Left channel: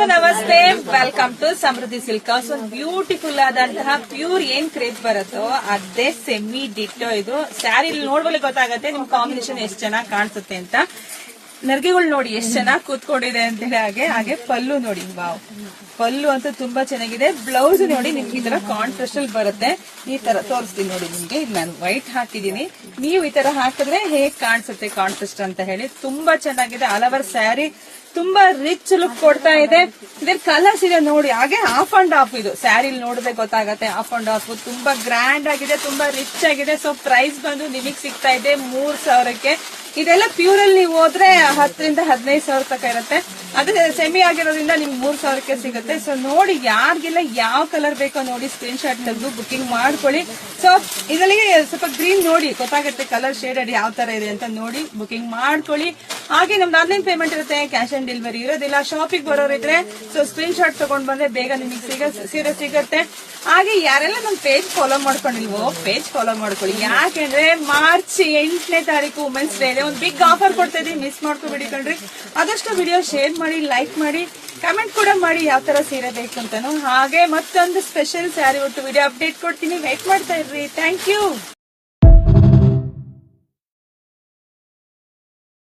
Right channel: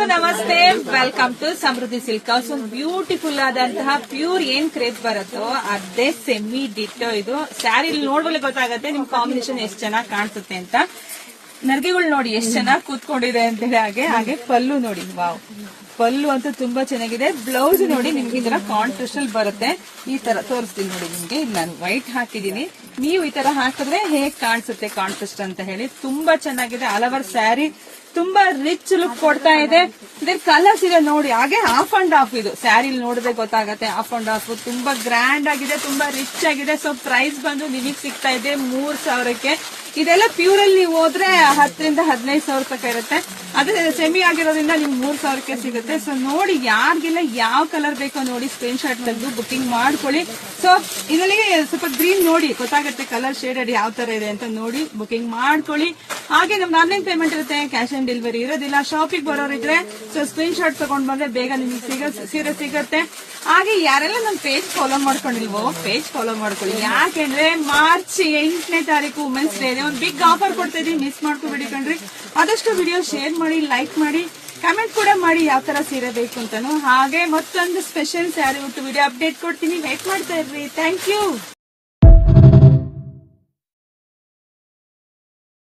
ನಮಸ್ತೆ, welcome to Samruddhi silk house. ಒಂದು beautiful ಆದಂತಹ ಪ್ಯೂರ್ ಏನ್ ಕ್ರೇಪ್ ಬರುತ್ತೋ ಅದೇ ಸೆಮಿ ಡಿಟ್ಟೋ. ಇದು ಸ್ಯಾರಿ ನೋಡ್ಬೋಲೆ ಗೊತ್ತಾಗತ್ತೆ ನಿಮ್ ಕಾಂಬಿನೇಷನ್ ಎಷ್ಟು ಚೆನ್ನಾಗಿ ಕಾಣಿಸುತ್ತೆ ಅಂತ. ನರ್ಗೆಗಳು ನೋಡಿ ಎಷ್ಟು ಚೆನ್ನಾಗಿ ಕೂತ್ಕೊಂಡಿದೆ ಅಂತ ಹೇಳಿ. ಹಾಗೆ ಪಲ್ಲು ನೋಡಿ, ವಾವ್, ಪಲ್ಲು ಅಂತೂ ತುಂಬಾ ಚೆನ್ನಾಗಿದೆ. ಬ್ಲೌಸ್ ನೋಡಿ ನಿಮ್ಗೆ ಈ ತರ ಕಾಂಟ್ರಾಸ್ಟ್ ಅಲ್ಲಿ ಬರುತ್ತೆ. ಈ ತರ ತೋರಿಸ್ತೀನಿ ನೋಡಿ ನಿಮ್ಗೆ. ನಾನು ವೈಟ್ ಹಾಕಿದೀನಿ, ನೀವು ಈ ತರ ಹಾಕಿದ್ರೆ ಹೇಗ್ ಕಾಣಿಸುತ್ತೆ ಕಾಂಟ್ರಾಸ್ಟ್ ಅಂತ ಹೇಳಿ. ತುಂಬಾ ಚೆನ್ನಾಗಿದೆ. ಆಲ್ ಓವರ್ ಸ್ಯಾರಿ ತುಂಬಾ ರಿಚ್ ಲುಕ್ ಕೊಡ್ತಾ ಇದೆ. ಇದ್ರ ಕಲರ್ಸ್ ಇದೆ ನೋಡಿ. ಹಾಗೆ ಆಫ್ ಅಂಡ್ ಆಫ್ ಇದು ಸ್ಯಾರಿ ನೋಡಿದ್ರೆ ಗೊತ್ತಾಗತ್ತೆ. ಆಫ್ ಅಂಡ್ ಆಫ್ ತುಂಬಾ ಗ್ರ್ಯಾಂಡ್ ಆಗಿದೆ, ತುಂಬಾ ರಿಚ್ ಆಗಿದೆ. ಸೊ ಪ್ರೈಸ್ ಬಂದು ನಿಮಗೆ ಸಿಗ್ತಾ ಇದೆ 3,000ಕ್ಕೆ. ಇದೆಲ್ಲ ಪ್ಯೂರ್ ಅಲ್ಲಿ ನೀವು ಹೋದ್ರೆ 10 ರಿಂದ 15 ಸಾವಿರ ತನಕ ಇರುತ್ತೆ. ಅದೇ ಸೆಮಿ ಆಗಿರೋದ್ರಿಂದ ನಿಮ್ಗೆ 3,000ಕ್ಕೆ ಸಿಗುತ್ತೆ. ಸೊ ನೋಡಿ, ಯಾರಿಗೆಲ್ಲ ಯಾವ ಕಲರ್ ಬೇಕೋ ನೋಡಿ ಸ್ಕ್ರೀನ್ ಶಾಟ್ ತೆಗೆದು ಬುಕಿಂಗ್ ಮಾಡ್ಕೊಳ್ಳಿ. ಸೊ ಇದರಲ್ಲಿ ಸ್ವಲ್ಪ ಗ್ರೀನ್ ನೋಡಿ ಗೊತ್ತಾಗುತ್ತೆ, ಕಲರ್ ಶೇಡೆಡ್ ಯಾವ ತರ ಇದೆ ಅಂತ ನೋಡಿ ಬುಕಿಂಗ್ ಮಾಡ್ಕೊಳ್ಳಿ. ಹಾಗೆ ನಮ್ದು ಆನ್ಲೈನ್ ಪೇಮೆಂಟ್ ಇರುತ್ತೆ, ಕ್ಯಾಶ್ ಆನ್ ಡೆಲಿವರಿ ಇರೋದಿಲ್ಲ. ಶಾಪಿಂಗ್ ಬರೋರಿದ್ರೆ ಸೊ ಸ್ಕ್ರೀನ್ ಶಾಟ್ ತಗೊಂಡ್ ಬಂದ್ರೆ ಬೇಗ ನಿಮಗೆ ಸೀರೆ ಸಿಗುತ್ತೆ. ಹಾಗೆ ಯಾರೆಲ್ಲ ನಮ್ ಪೇಜ್ ಫಾಲೋ ಮಾಡ್ಕೊಂಡಿಲ್ವೋ ಪೇಜ್ ಫಾಲೋ ಮಾಡ್ಕೊಳ್ಳಿ. ಯಾಕೆಂದ್ರೆ ಮಾರ್ಚ್ 8ನೇ ತಾರೀಕು ವುಮೆನ್ಸ್ ಡೇ ಇದೆ. ಒಂದು ಬಿಗ್ ಆಫರ್ ಕೊಡ್ತಾ ಇದೀವಿ, ಮಿಸ್ ಮಾಡ್ಕೊಬೇಡಿ ಕಣ್ರಿ. ಆದಷ್ಟು ವಿಡಿಯೋ ಶೇರ್ ಮಾಡಿ, ಲೈಕ್ ಮಾಡಿ, ಕಮೆಂಟ್ ಕೂಡ ಮಾಡಿ ಯಾವ ತರ ಸೀರೆ ಬೇಕು ಅಂತಾನು. ಹಾಗೆ ಮತ್ತೊಂದು ಸ್ಪೆಷಲ್ ಸ್ಯಾರಿ ಹೊತ್ತು ವಿಡಿಯೋ ಅಪ್ಡೇಟ್ ಕೊಡ್ತೀನಿ, ಲೈಕ್ ಮಾಡ್ತಾ ಇರ್ರಿ. Thank you.